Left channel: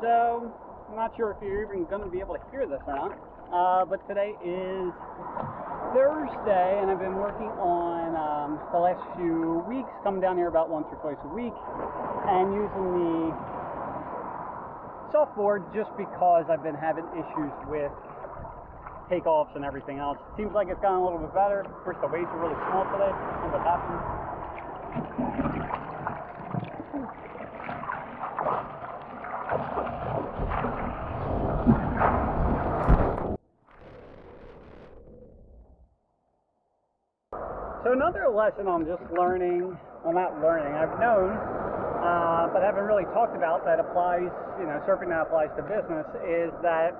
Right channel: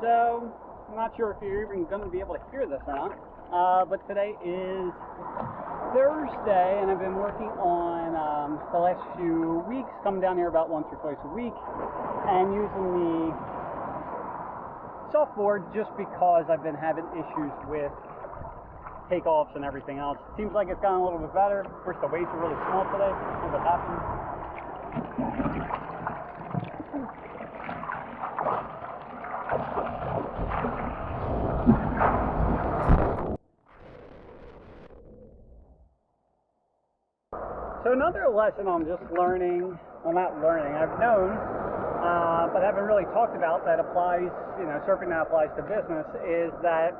So, I'm not sure if you're even going to be able to hear this or not, but today is Thursday, and I've been working on the last few weeks, coming down here about once or twice a week, and using the softboard just because I've been having issues with takeoffs and everything else. It seems like it's gotten a little bit better. Of course, the waves are really small today. That's what happens. So another lesson I'm just learning, well, not learning, I've known, but haven't really talked about, that applies, surfing that applies to business, is that,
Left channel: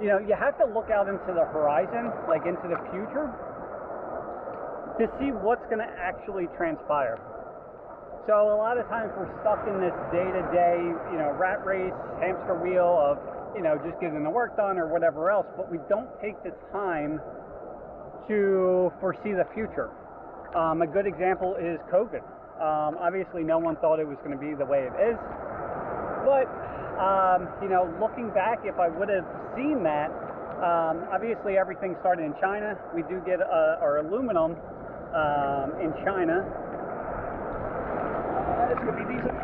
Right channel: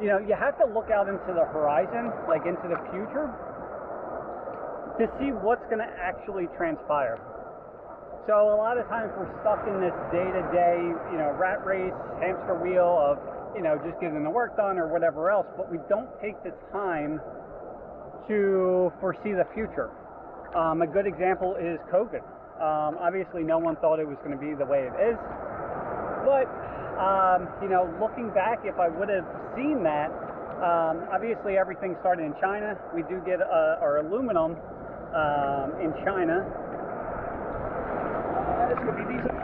you have to look out into the horizon, like into the future, to see what's going to actually transpire. So a lot of times we're stuck in this day-to-day, rat race, hamster wheel of, just getting the work done or whatever else, but we don't take the time to foresee the future. A good example is COVID. Obviously no one thought it was going to be the way it is, but looking back, if I would have seen that, obviously everything started in China. We do get our aluminum in China. This could be decent.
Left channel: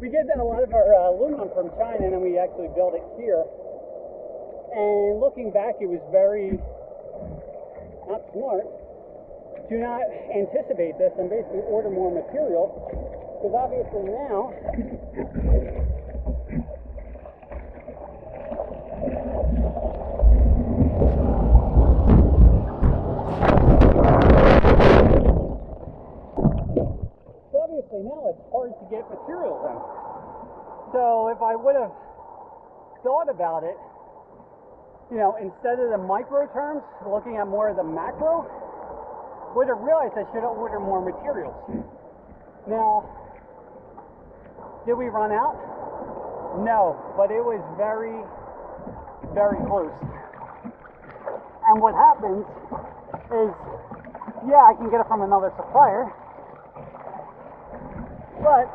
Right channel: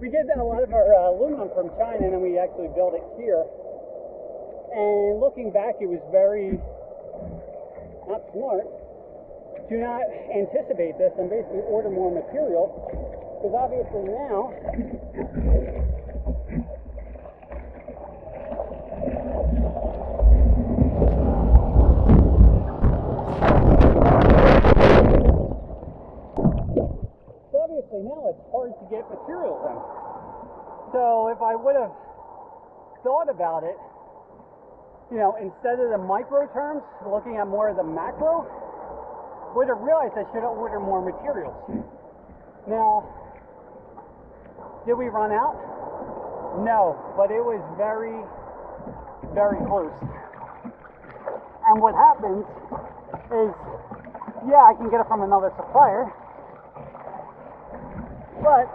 We get a lot of our aluminum from China, and then we actually build it here. And looking back, it was very not smart to not anticipate this and basically order more material, because obviously now it's hard to get materials in. So if I would have thought about it, instead of the micro terms, looking at more of the macro, would have realized I should have ordered more materials. Now, did we run out? No, but it was very, very close. And what happens is, I can get it from another supplier, but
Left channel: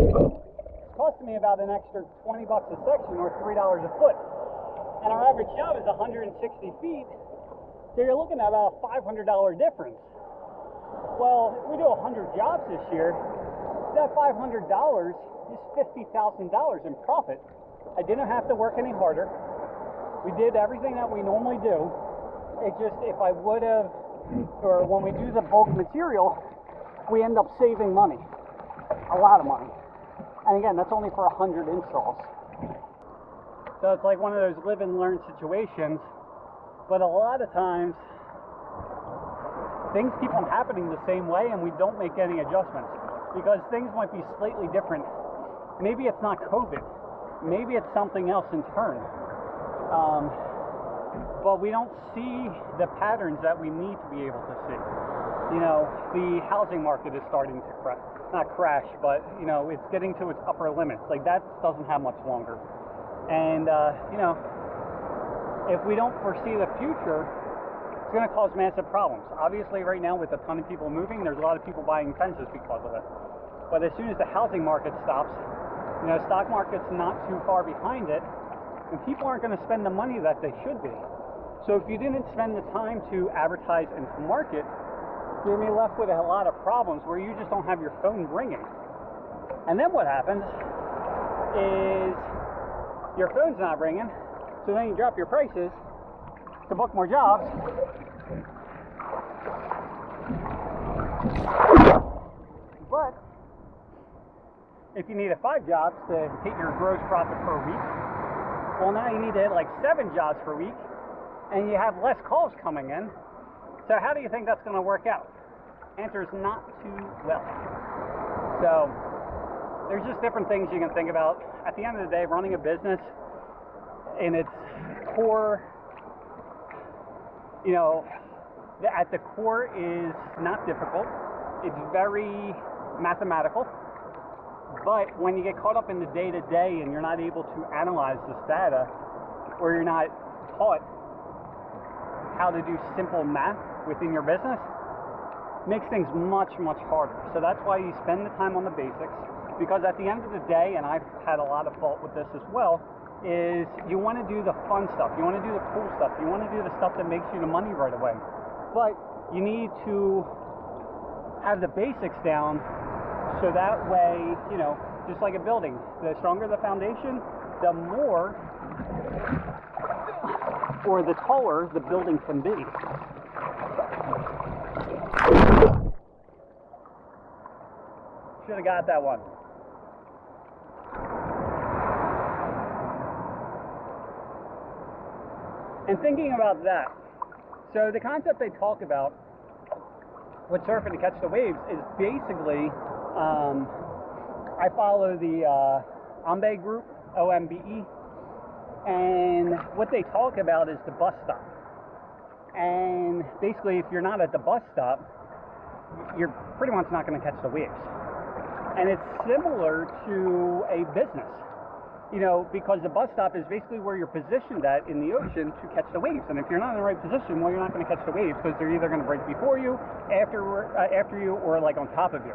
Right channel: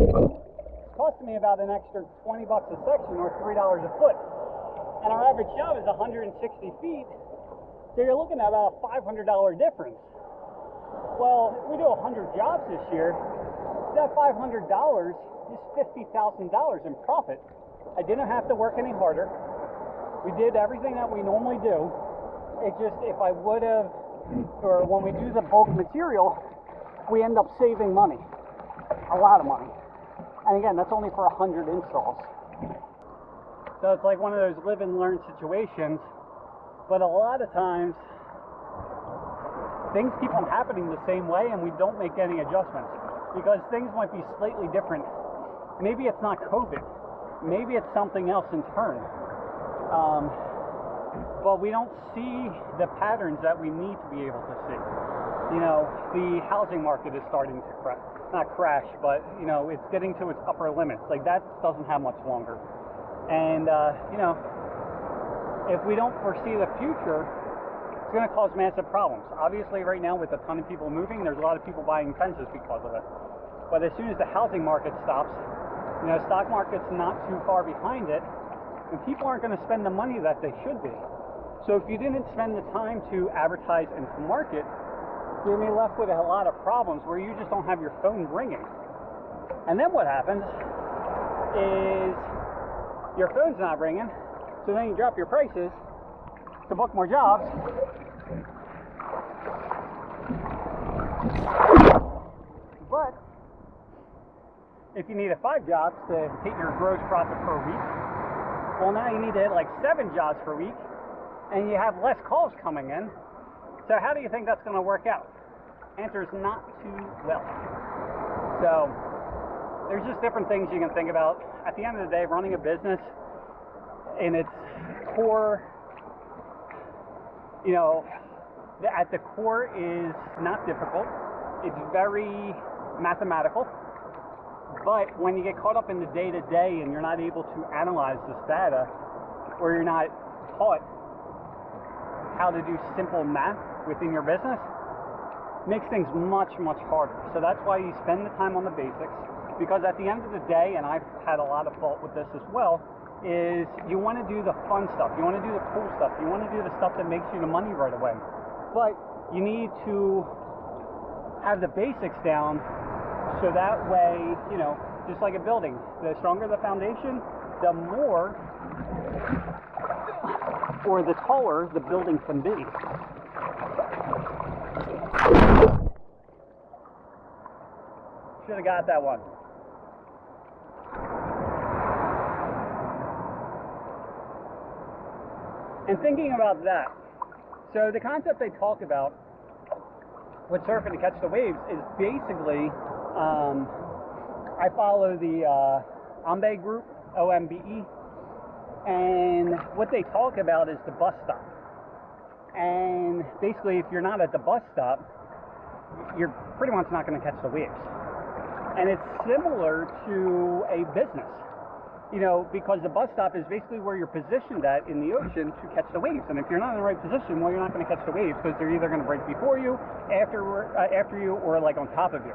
it's costing me about an extra $20 a section or $3 a foot. And our average job is 160 feet, so you're looking at a $500 difference. Well, if we do 100 jobs this year, that $500 is $50,000 in profit. I didn't have to work any harder. We did everything that we normally do. It just, if I would have, or when we do the bulk material, we end up saving money, a lot of money. And again, that's only for 100 installs. So it's like one of those live and learn situations, but a lot of times things keep on happening the same way and we don't make any adjustments because things might be slightly different. Maybe it's not COVID, maybe it's something else internal. But we don't see the patterns that we need to be able to see. The housing market is starting to not crash, but it's getting to its upper limits. Like, that doesn't have much longer. And if we don't foresee the future, it's going to cause massive problems. Obviously right now with a ton of people moving, there's a lot of people buying fences because of it. But as soon as the housing market stops, stock market's not too far behind it, and people aren't going to spend the money that they should be. So if you didn't spend the time to advertise and to market, you're going to be left with a lot of problems where you just don't have your phone ringing. And then what happens is your phone's not ringing, so then you drop your prices to book more jobs. But if you needed 5 jobs to hit your gross profit per week, well, now you need to hit like 7 jobs per week, and you have less calls coming in. So how do you think that's going to work out? Answer is not too well. So there's just different things you can think about. At the end of the day, running a business in its core, at the core is not difficult. It's very mathematical. But when you get caught up in the day-to-day and you're not able to analyze this data, or you're not taught how to do simple math within your business, it makes things much, much harder. So that's why you spend the time on the basics, because at the end of the day, and I've had a lot of fault with this as well, is you want to do the fun stuff, you want to do the cool stuff, you want to do the stuff that makes you the money right away. But you need to have the basics down, so that way, you know, just like a building, the stronger the foundation, the more or the taller the building can be. Should have got that one. And thinking about that, so the concept they talk about with surfing to catch the waves is basically, I follow the OMBE group, OMBE, and what they talk about is the bus stop. And basically, if you're not at the bus stop, you're pretty much not going to catch the waves. And it's similar to a business, you know, because the bus stop is basically where you're positioned at in the ocean to catch the waves. And if you're not in the right position, well, you're not going to catch the waves, because they're either going to break before you, after you, or like on top of you.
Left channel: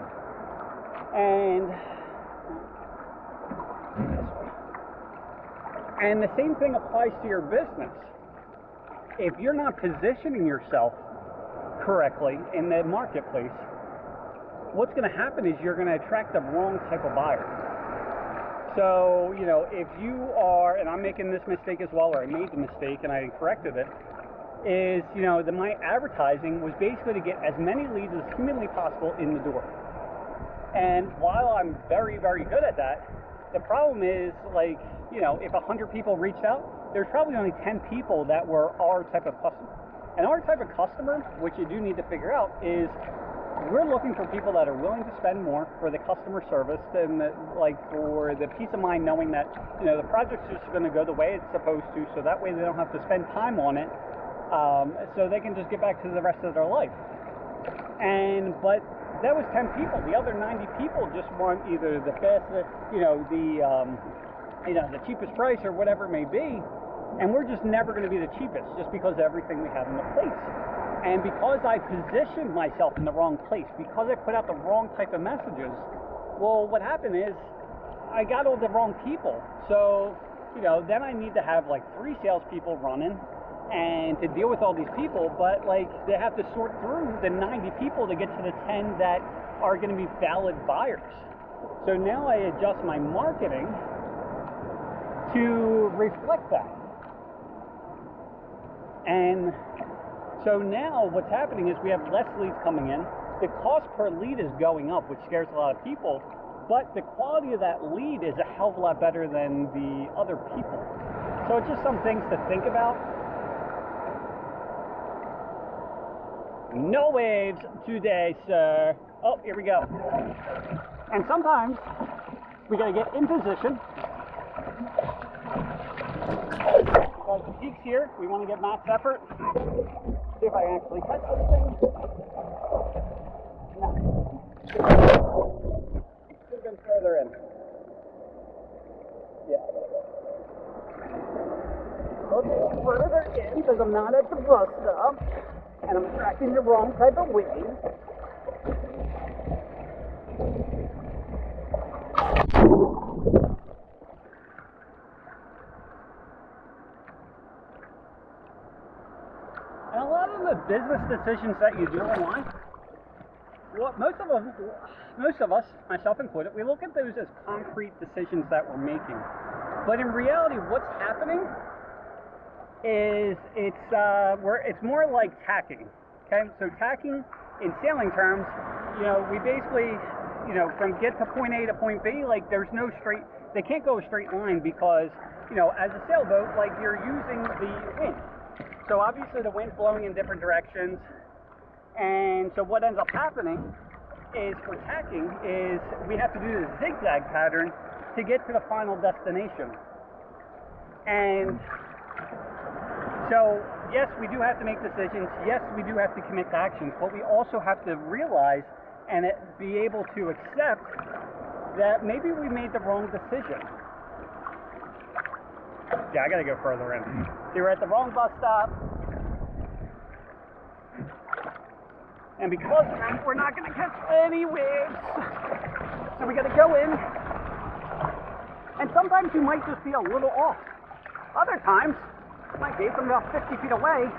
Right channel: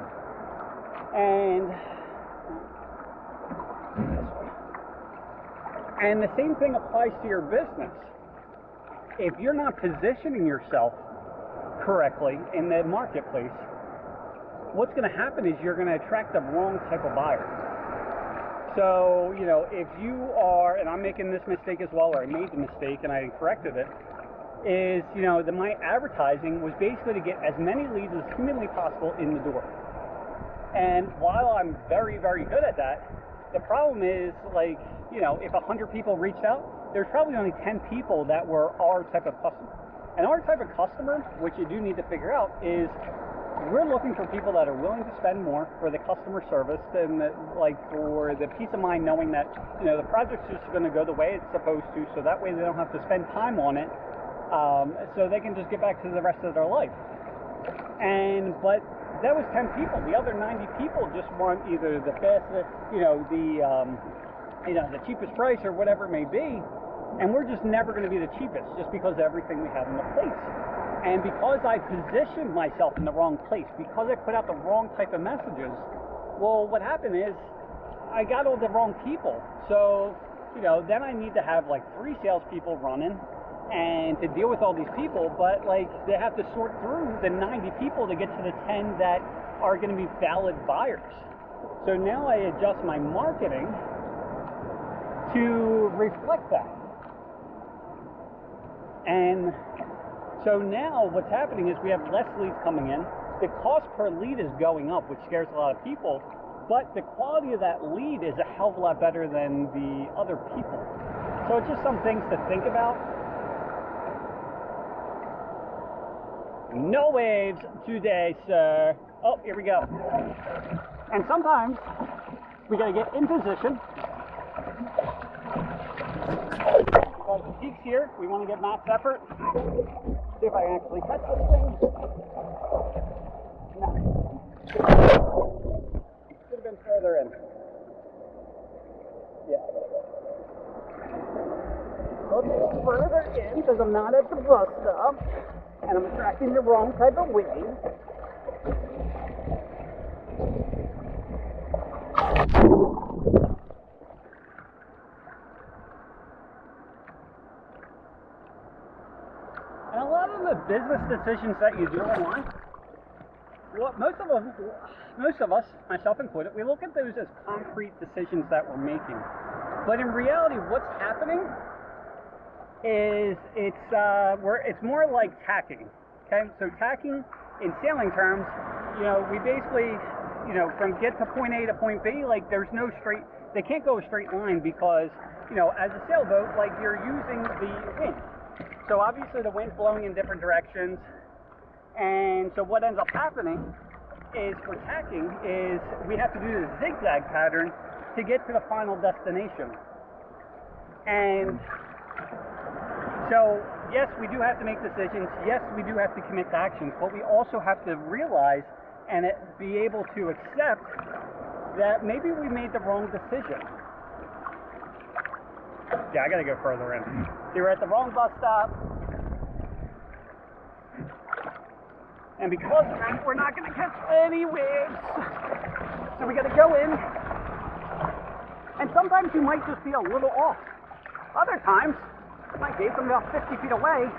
And the same thing applies to your business. If you're not positioning yourself correctly in the marketplace, what's going to happen is you're going to attract the wrong type of buyer. So, you know, if you are, and I'm making this mistake as well, or I made the mistake and I corrected it, is, you know, my advertising was basically to get as many leads as humanly possible in the door. And while I'm very, very good at that, the problem is, like, you know, if 100 people reached out, there's probably only 10 people that were our type of customer. And our type of customer, which you do need to figure out, is we're looking for people that are willing to spend more for the customer service and like for the peace of mind knowing that, you know, the project's just going to go the way it's supposed to, so that way they don't have to spend time on it, so they can just get back to the rest of their life. But that was 10 people. The other 90 people just want either the fastest, the cheapest price or whatever it may be, and we're just never going to be the cheapest just because of everything we have in the place. And because I positioned myself in the wrong place, because I put out the wrong type of messages, well, what happened is I got all the wrong people. So, you know, then I need to have like 3 salespeople running and to deal with all these people, but like they have to sort through the 90 people to get to the 10 that are going to be valid buyers. So now I adjust my marketing to reflect that. And so now what's happening is we have less leads coming in. The cost per lead is going up, which scares a lot of people, but the quality of that lead is a hell of a lot better than the other people. So it's just some things to think about. No waves today, sir. Oh, here we go. And sometimes we gotta get in position. Because the peak's here, we want to get max effort. See if I can actually catch this thing. No. Should have been further in. Yeah, I gotta go. Oops, further in, because I'm not at the bus stop. And I'm attracting the wrong type of wave. And a lot of the business decisions that you do in life, what most of us, myself included, we look at those as concrete decisions that we're making. But in reality, what's happening is it's more like tacking. Okay, so tacking in sailing terms, you know, we basically, you know, from get to point A to point B, like there's no straight, they can't go a straight line because, you know, as a sailboat, like you're using the wind. So obviously the wind's blowing in different directions, and so what ends up happening is for tacking is we have to do the zigzag pattern to get to the final destination. And so yes, we do have to make decisions. Yes, we do have to commit to actions, but we also have to realize and be able to accept that maybe we made the wrong decision. Yeah, I gotta go further in. So we're at the wrong bus stop. And because of that, we're not gonna catch any waves. So we gotta go in. And sometimes you might just be a little off. Other times, you might be from about 50 feet away.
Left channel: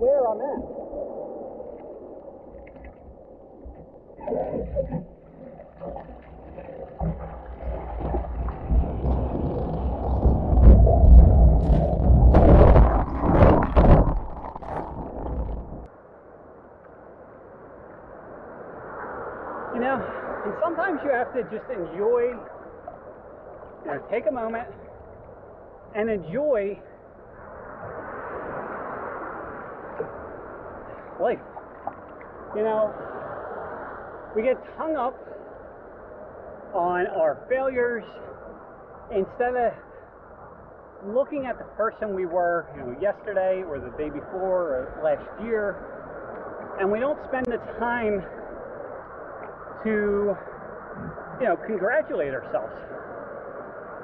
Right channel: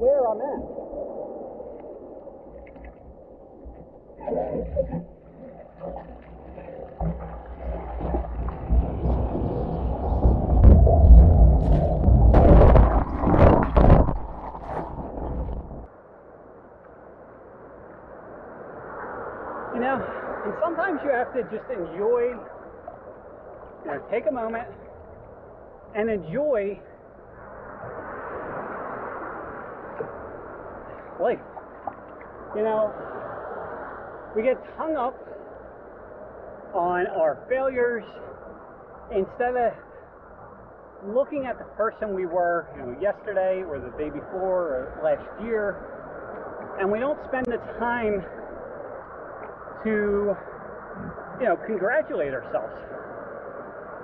There I'm at. You know, and sometimes you have to just enjoy, take a moment and enjoy life. We get hung up on our failures instead of looking at the person we were, yesterday or the day before or last year, and we don't spend the time to, congratulate ourselves.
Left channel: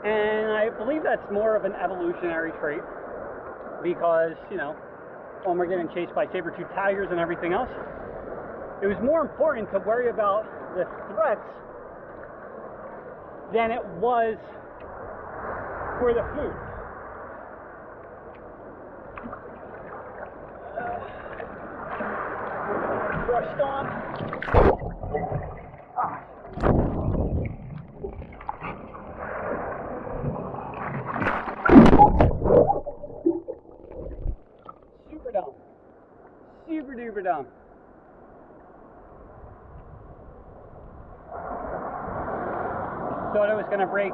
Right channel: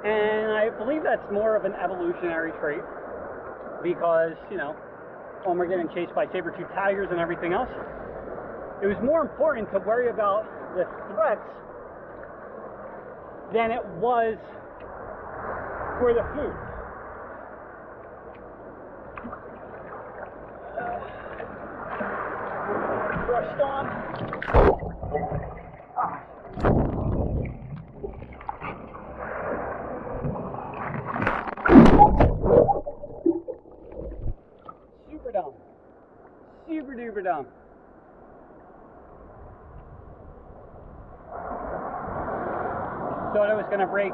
And I believe that's more of an evolutionary trait because, when we're getting chased by saber-toothed tigers and everything else, it was more important to worry about the threats than it was for the food. Brushed on. Super dumb. Super duper dumb. Thought it was going to break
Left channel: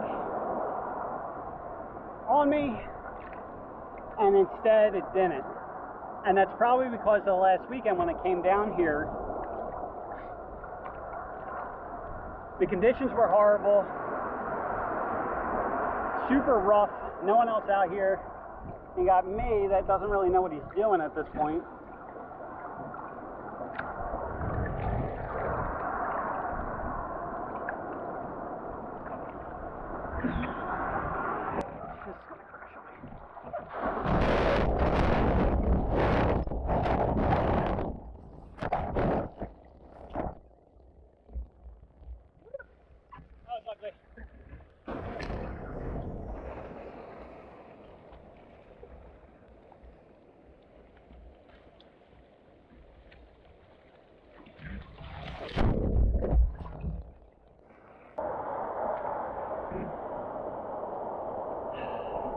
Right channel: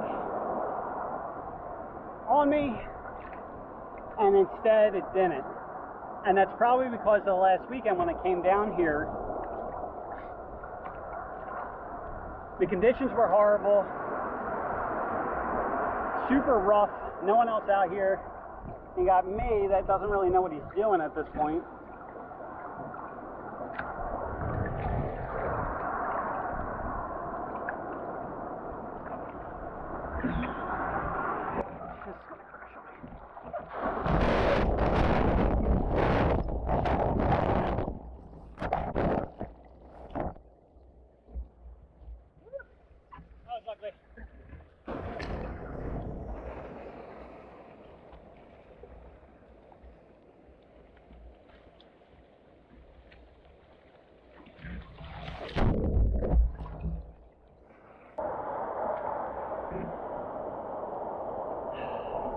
on me, and instead it didn't. And that's probably because of the last weekend when I came down here, the conditions were horrible, super rough, no one else out here. You got me that doesn't really know what he's doing at this point.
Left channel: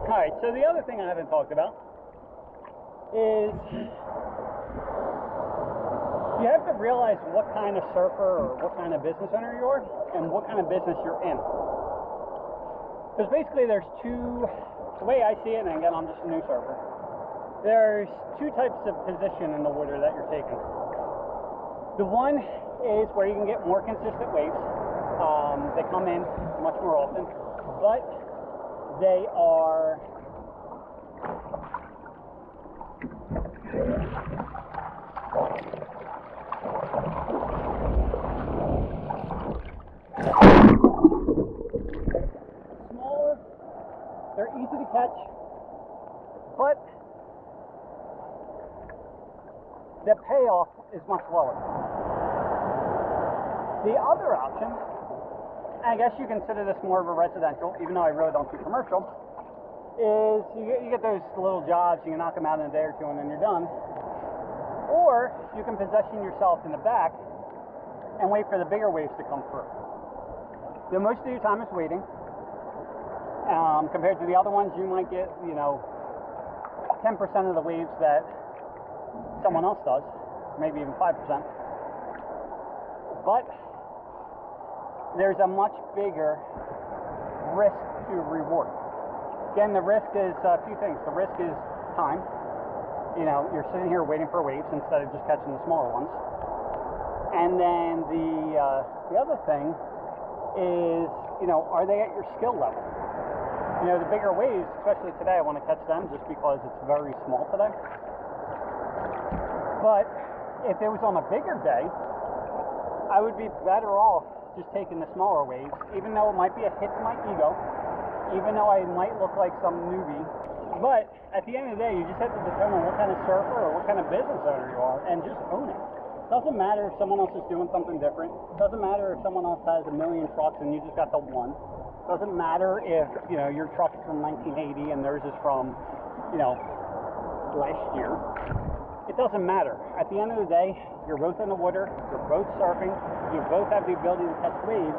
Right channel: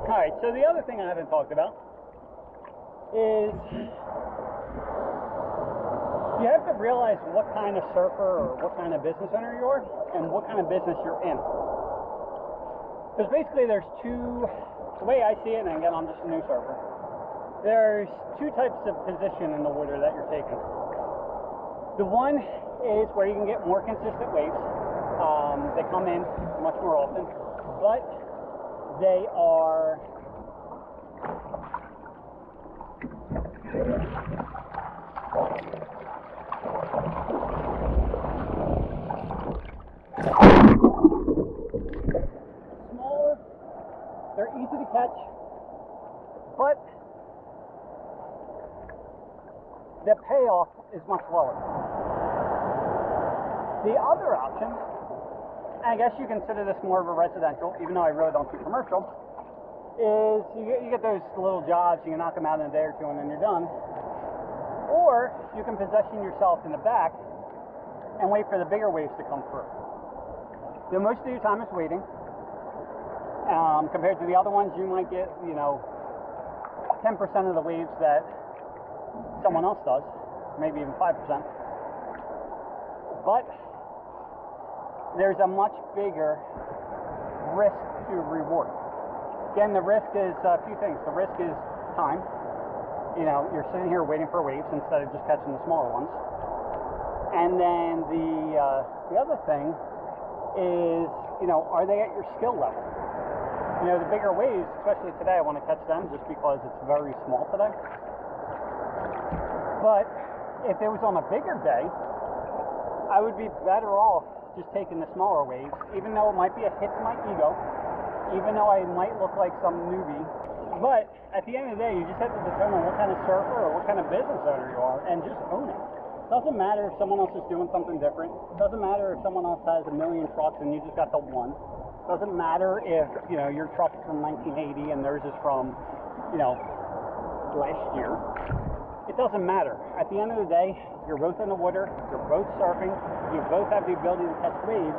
Alright, so the other thing I haven't talked about is you have to realize what kind of surfer or what kind of business owner you are and what kind of business you're in. Because basically there's the way I see it, and again I'm just a new surfer, there's two types of position in the water that you're taking. The one is where you can get more consistent waves. They come in much more often, but they are smaller, they're easy to catch, but the payoff is much lower. The other option, I guess you consider this more of a residential, even though I really don't do commercial, is you get those little jobs, you can knock them out in a day or two and then you're done. Or you can position yourself in the back and wait for the bigger waves to come through. So most of your time is waiting. Compared to the other ones, you might get, 10% of the waves that someone else does, maybe even 5%. But there's a much bigger risk to reward. Again, the risk is a few things. The risk is time. You're sitting here waiting for waves instead of just catching the smaller ones. And then the other thing is, are they at your skill level? The bigger waves, especially today, I want to catch them just because it's very small today. But if it was on a bigger day, I would be better off just taking the smaller waves, even though it might be a hit to my ego, even though I might look like some newbie. But at the end of the day, you just have to determine what kind of surfer or what kind of business owner you are and just own it. Doesn't matter if someone else is doing something different. Doesn't matter if someone else has a million trucks and you just got the one. Doesn't matter if, your truck is from 1980 and theirs is from, last year. It doesn't matter. At the end of the day, you're both in the water, you're both surfing, you both have the ability to catch waves.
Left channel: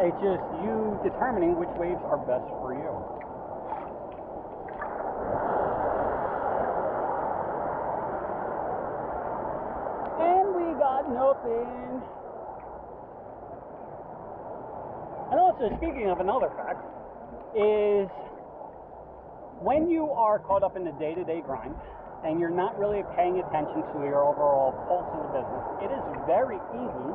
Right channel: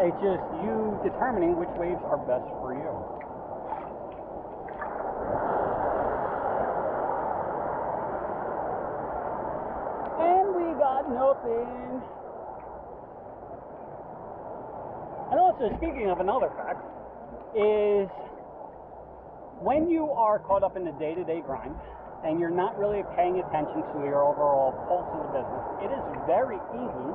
It's just you determining which waves are best for you. And we got nothing. And also, speaking of another fact, is when you are caught up in the day-to-day grind and you're not really paying attention to your overall pulse of the business, it is very easy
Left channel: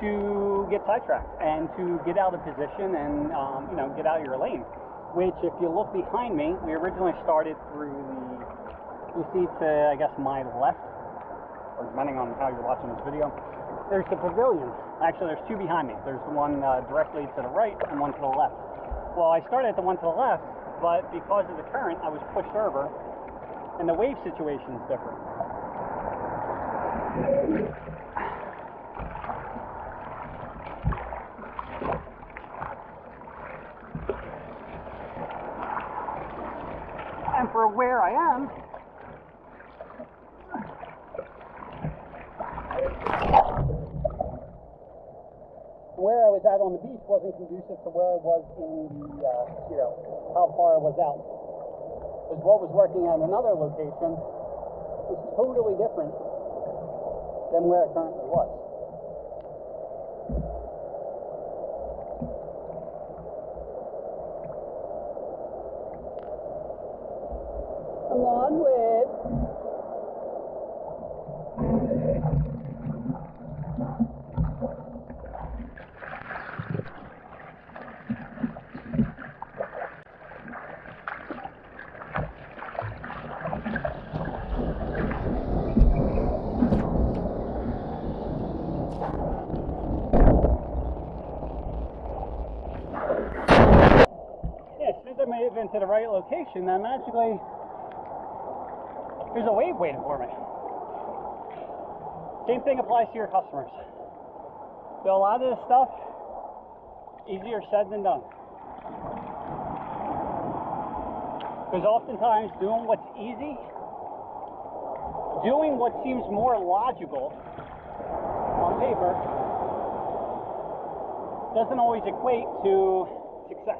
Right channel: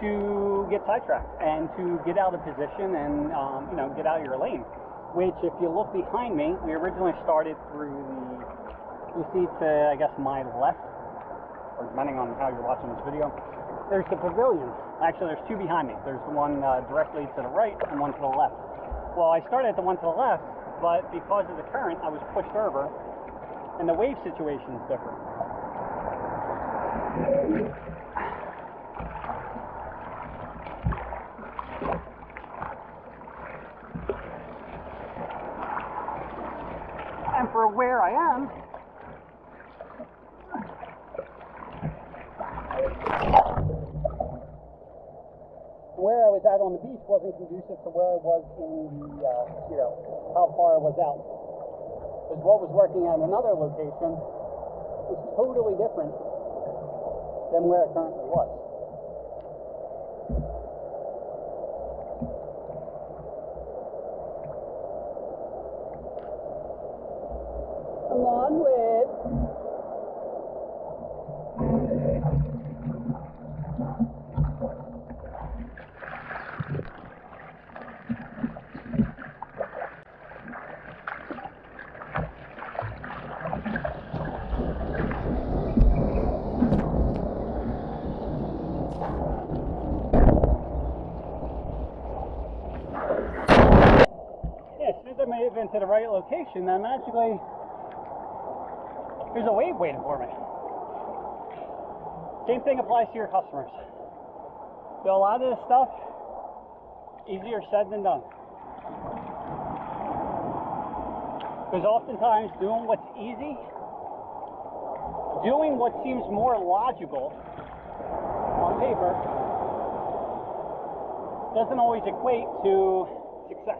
to get sidetracked and to get out of position and, get out of your lane. Which, if you look behind me, we originally started through you see to, I guess, my left, or depending on how you're watching this video, there's the pavilion. Actually, there's two behind me. There's the one directly to the right and one to the left. Well, I started at the one to the left, but because of the current, I was pushed over, and the wave situation is different. And for where I am, where I was at on the beach wasn't conducive to where I was in the, how far I was out. Because what was working at another location is totally different than where it currently was. Come on, Wick. I move into the right location, then magically there's a wave waiting for me. Same thing applies to your customers. So a lot of this stuff, easier said than done. Because oftentimes doing what's easy, doing what seems more logical on paper, doesn't always equate to success.